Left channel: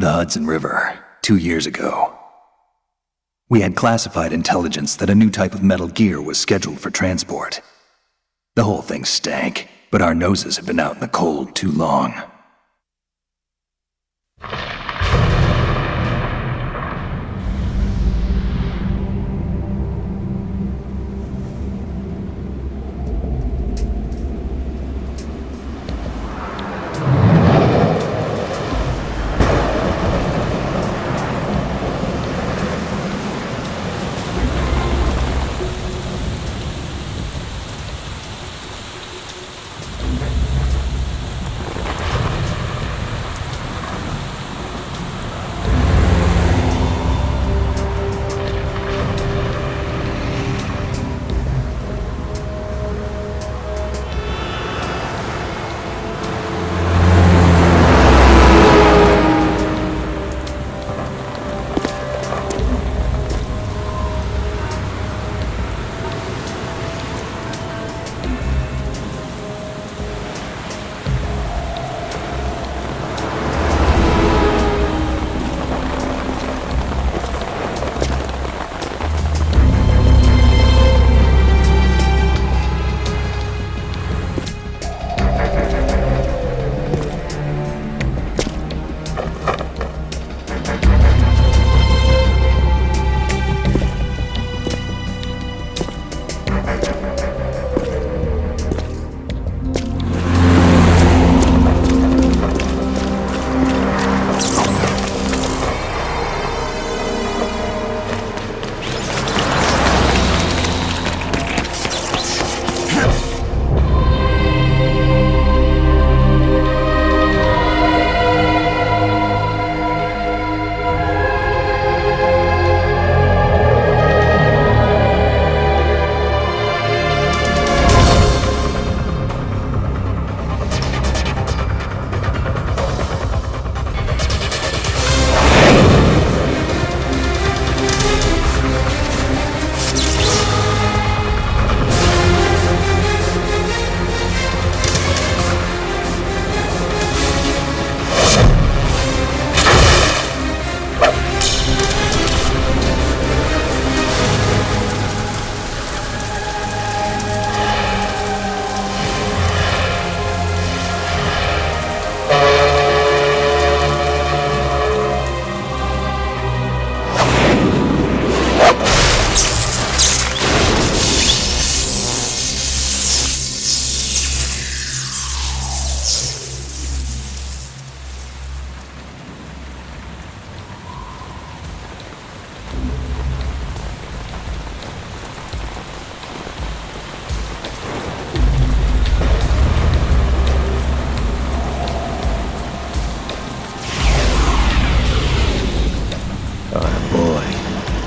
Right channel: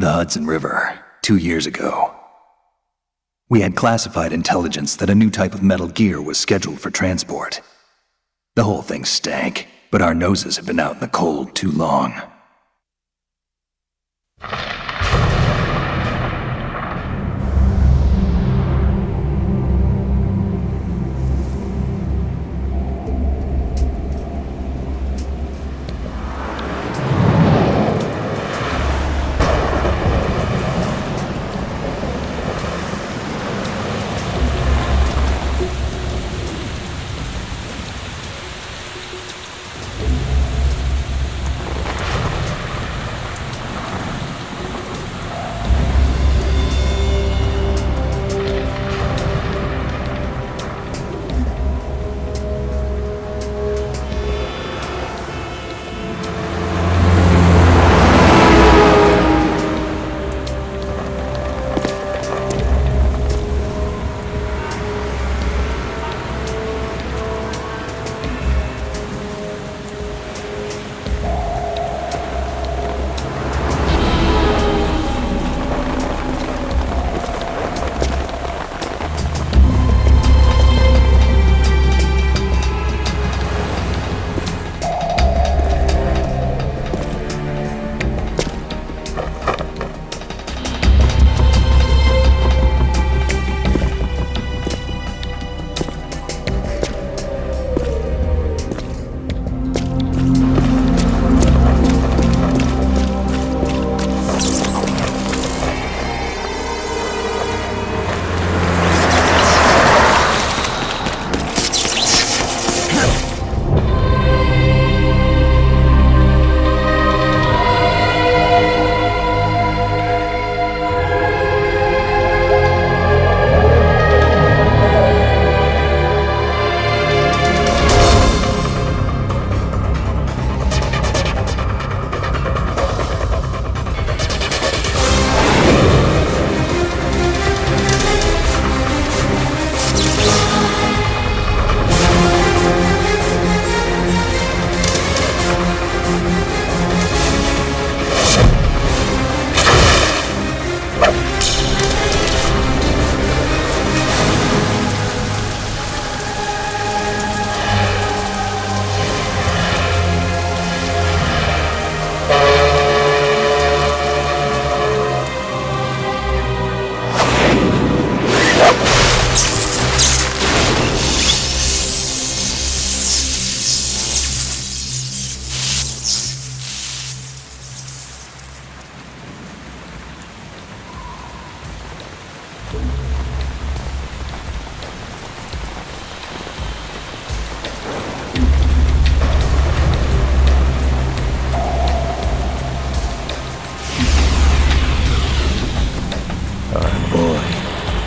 The Hudson River, 2 years ago. We had classified intelligence that a new type of metal gear was scheduled for transport. The whole thing stank, but our noses had been out in the cold too long.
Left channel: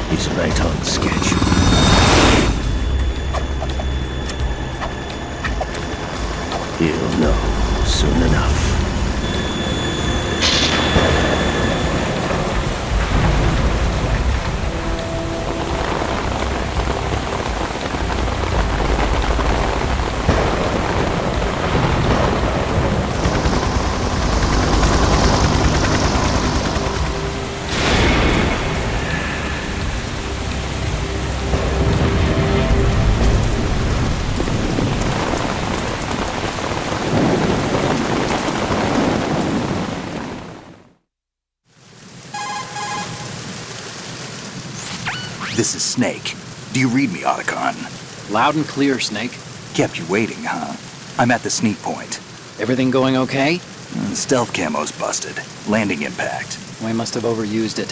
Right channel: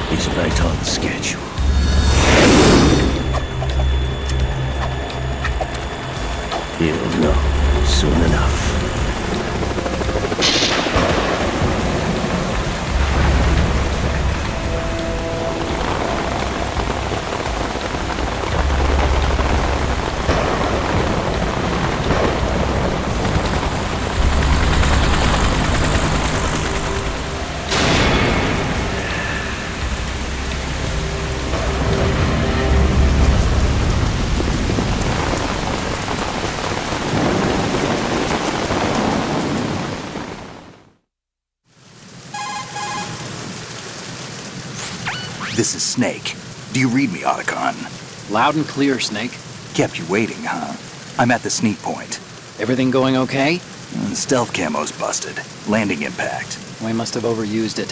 He's right on schedule. He'll know soon enough. This is Snake. Do you read me, Otacon? Loud and clear, Snake. Kept you waiting, huh? I'm at the sneak point. Everything going okay? The stealth camo's busted. Landing impact. We must have overused it.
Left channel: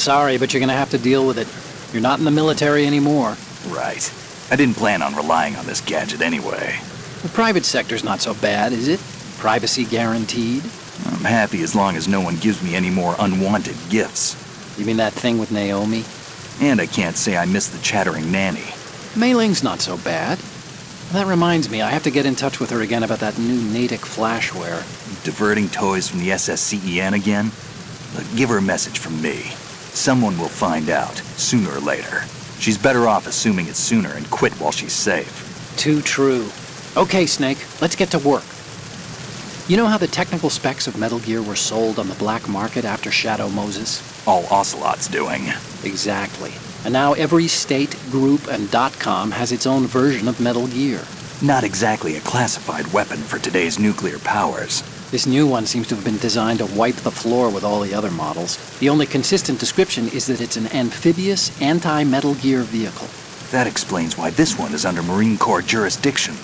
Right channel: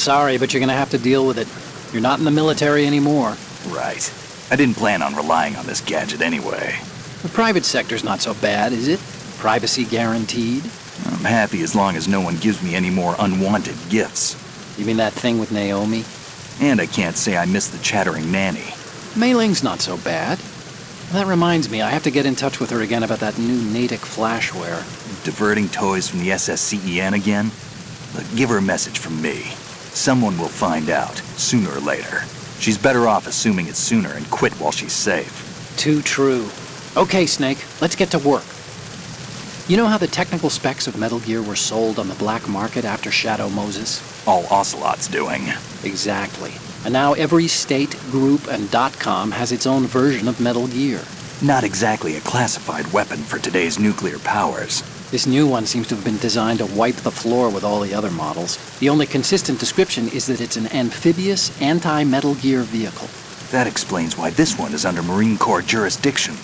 Sorry, but you're gonna have to deal with it. You're not in the military anymore. Right. I didn't plan on relying on this gadget anyway. The private sector's not so bad, is it? Privacy guaranteed? I'm happy as long as no one gives me any more unwanted gifts. You mean that thing with Naomi? And I can't say I miss the chattering nanny. Mei Ling's not so bad. That reminds me, I have to get in touch with her again about that new Natick flashware. Diverting toys from the SSCEN again? Look, give her a message from me. Someone will find out, sooner or later. She's better off assuming it's sooner and quit while she's safe. Too true. Okay, Snake, let's get to work. You know how the technical specs of Metal Gear were sold on the black market after Shadow Moses? All Ocelot's doing. Exactly. And now every state, group, and .com has its own version of Metal Gear. Not exactly a classified weapon for today's nuclear powers. This new one seems to have been designed to wipe the floor with all the other models. The only consistent description is that it's an amphibious, anti-Metal Gear vehicle. That explains why this one is under Marine Corps jurisdiction.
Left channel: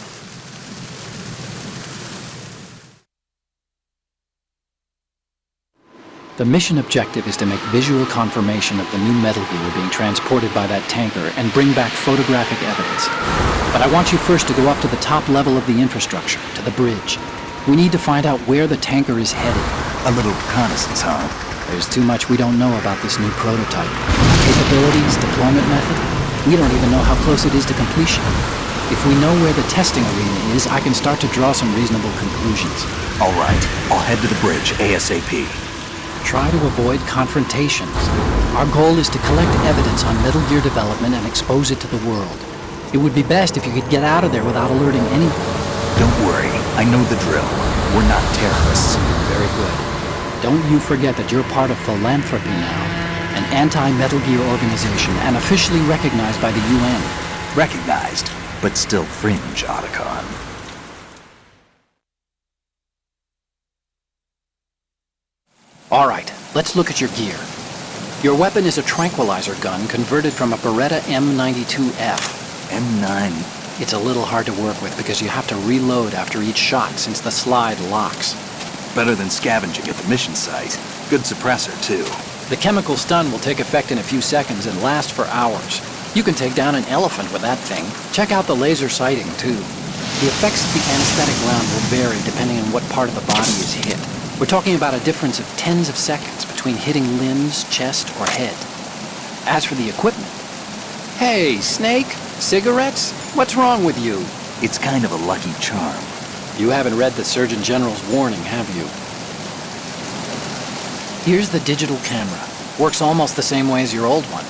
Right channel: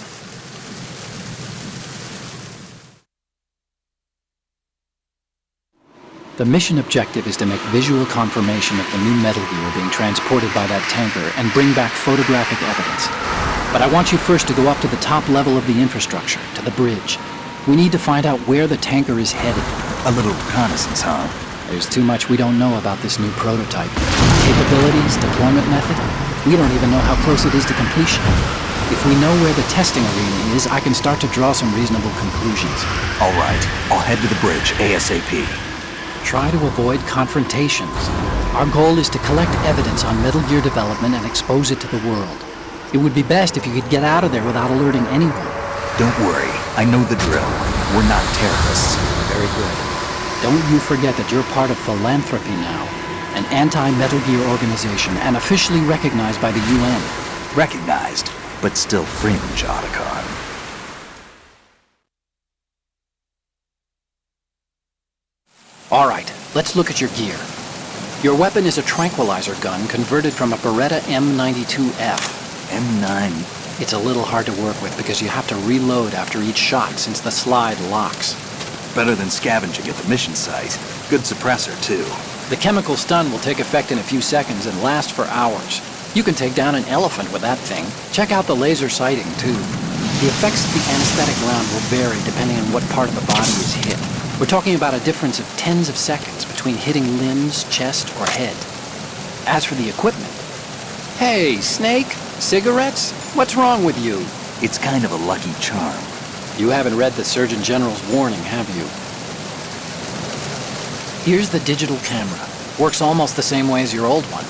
The mission objective is to make visual confirmation of the new Metal Gear being transported by that tanker and bring back photographic evidence. But I want you first to go up to the top level of the infrastructure, to the bridge. We need to find out where the tanker is headed. A little reconnaissance, huh? There's too much we don't know about this new prototype. Capabilities, deployment method. We don't even know how close it is to completion. If we know where the testing arena is, I can start to draw some reasonable conclusions. All right, I'll head to the bridge ASAP. Try to avoid confrontations. Our goal is to collect evidence on Metal Gear development and expose it to the world. It would be best if you could get out of there without alerting anyone. Don't worry, I know the drill. We're not terrorists. Very good. Don't you forget that you're part of Philanthropy now, an anti-Metal Gear organization and officially recognized by the UN. Recognized, but still fringe, Otacon. All right, let's look at your gear. Your weapon is a tranquilizer gun converted from a Beretta M92F. M9. It's a little hard to work with because you have to reload after each shot since the slide locks. Better than scavenging at the mission site. Good suppressor, too. The chemical stun will take effect in a few seconds and last for hours. You can take down an elephant with that thing. Check out the laser sighting, too. The effects of the anesthetic round will vary depending on what part of the body is hit. We're talking about a difference of tens of seconds between hitting limbs, chest, or head. As for the equipment... Hey, Snake? Cigarettes? What's wrong with you? It's kind of a lucky charm. You haven't read the Surgeon General's warning, have you? Here's the digital camera. Works almost the same way as your old one.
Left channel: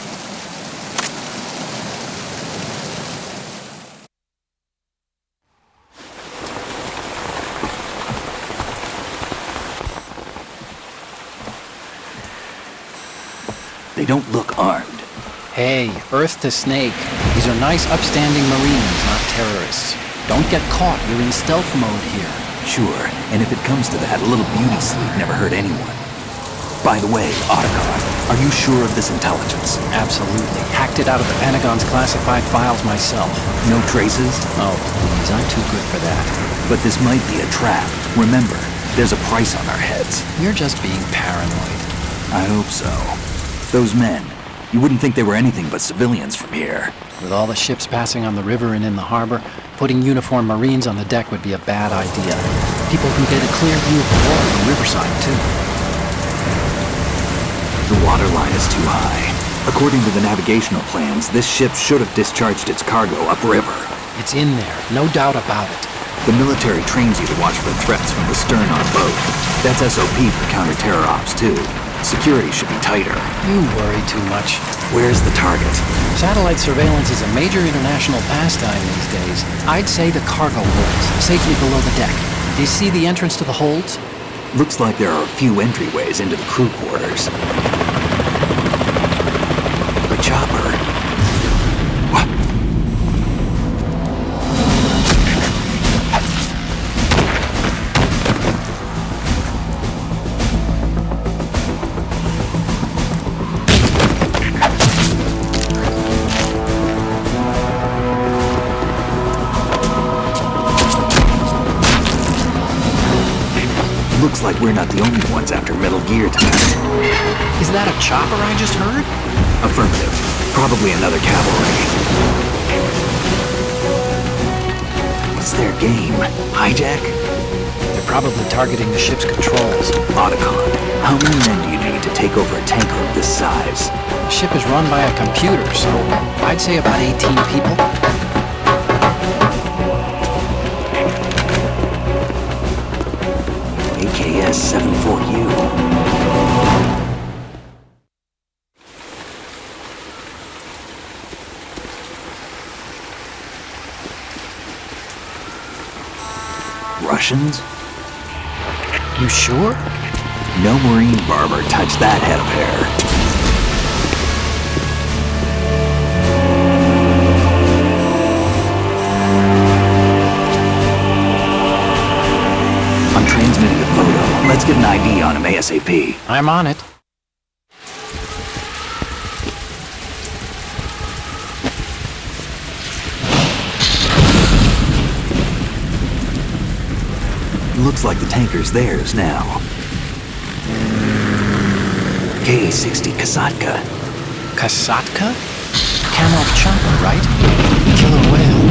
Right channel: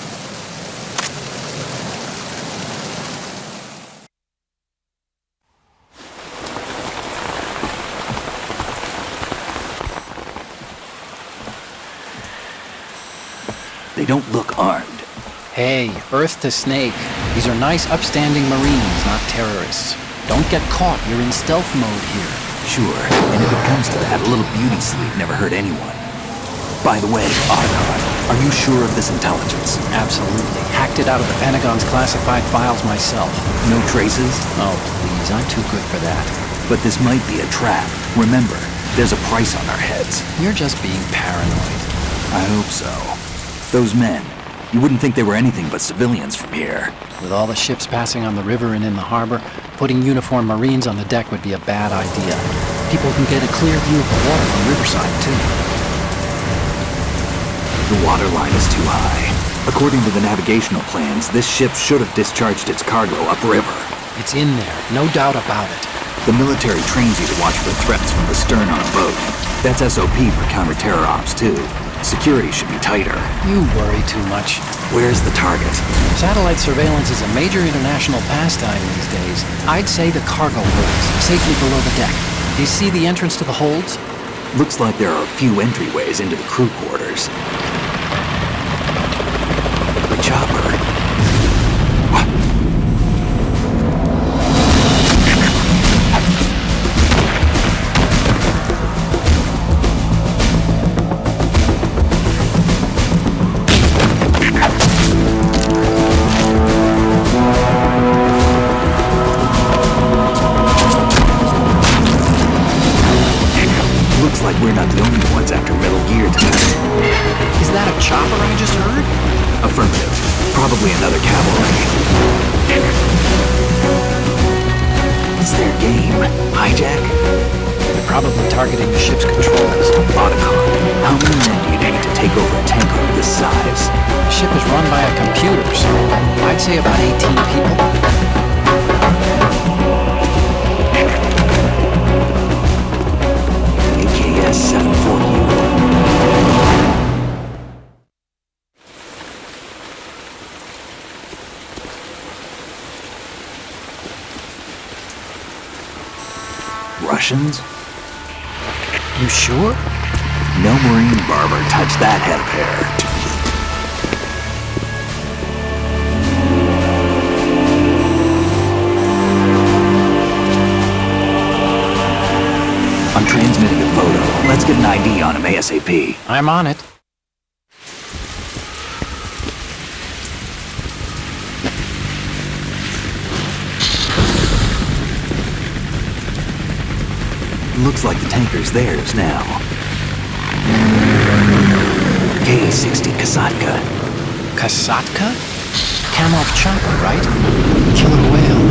They don't look armed. Hey, Earth to Snake. These are nice, upstanding Marines, not terrorists. Don't get caught. You're in stealth mode here. Sure, and if it comes to that, a little beauty sleep never hurt anyone. By the way, Otacon, are you sure of this intelligence? Absolutely. Hacked it out of the Pentagon's classified files myself. No traces? Oh, please, I'm too good for that. But this might be a trap. Remember, there's a price on our heads. You're just being paranoid. I hope so. Those men, you wouldn't think they were anything but civilians from here. With all the ships passing on the river and in the harbor, putting uniformed Marines on the deck would be a bad idea. People can get a clear view of the water from Riverside, too. The water line is too high. According to the navigational plans, this ship should have discharged its cargo upriver. It's in there, no doubt about it. The military trains you to watch for threats from the stern on a boat. That's SOP for counter-terror ops, too. Security should be tighter. You worry too much. Where's the target? Satellite surveillance is a major international pastime these days. I'd say the cargo holds, safely below the deck. Do you see the entrance to the holds? Looks like there are a few entryways into the crew quarters. A chopper. What? Looks like we're not the only ones after Metal Gear tonight. Is that a chopper I just heard? Affirmative. Probably another cavalry. What's their game? Hijack? They're probably targeting the ship's controls. Otacon, how many men do you need to take over a tanker of this size? The ship is run by a computer, so I'd say about 18 people. AKS 74U. Russians? You sure? No marine barber touched that head of hair. I'm transmitting a photo. Let's get an ID on him ASAP. I'm on it. Looks like the tanker's theirs now. KA-60 Kasatka. Kasatka? Kamov chopper, right? Killer whale.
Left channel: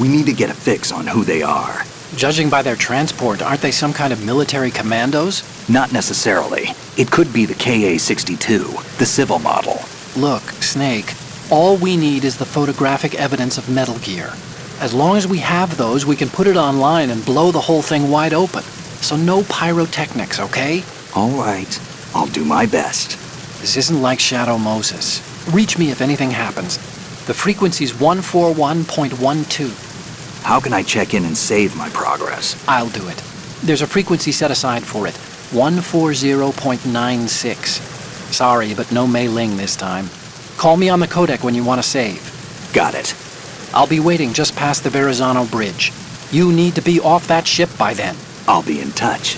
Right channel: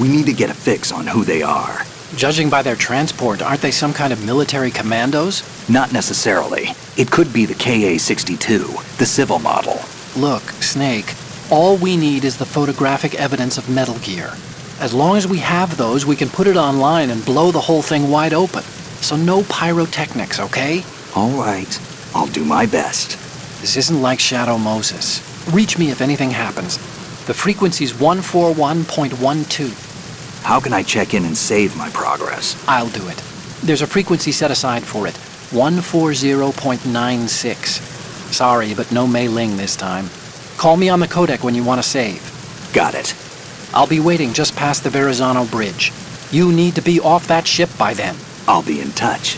We need to get a fix on who they are. Judging by their transport, aren't they some kind of military commandos? Not necessarily. It could be the KA-62, the civil model. Look, Snake, all we need is the photographic evidence of Metal Gear. As long as we have those, we can put it online and blow the whole thing wide open. So no pyrotechnics, okay? All right. I'll do my best. This isn't like Shadow Moses. Reach me if anything happens. The frequency's 141.12. How can I check in and save my progress? I'll do it. There's a frequency set aside for it. 140.96. Sorry, but no Mei Ling this time. Call me on the codec when you want to save. Got it. I'll be waiting just past the Verrazano Bridge. You need to be off that ship by then. I'll be in touch.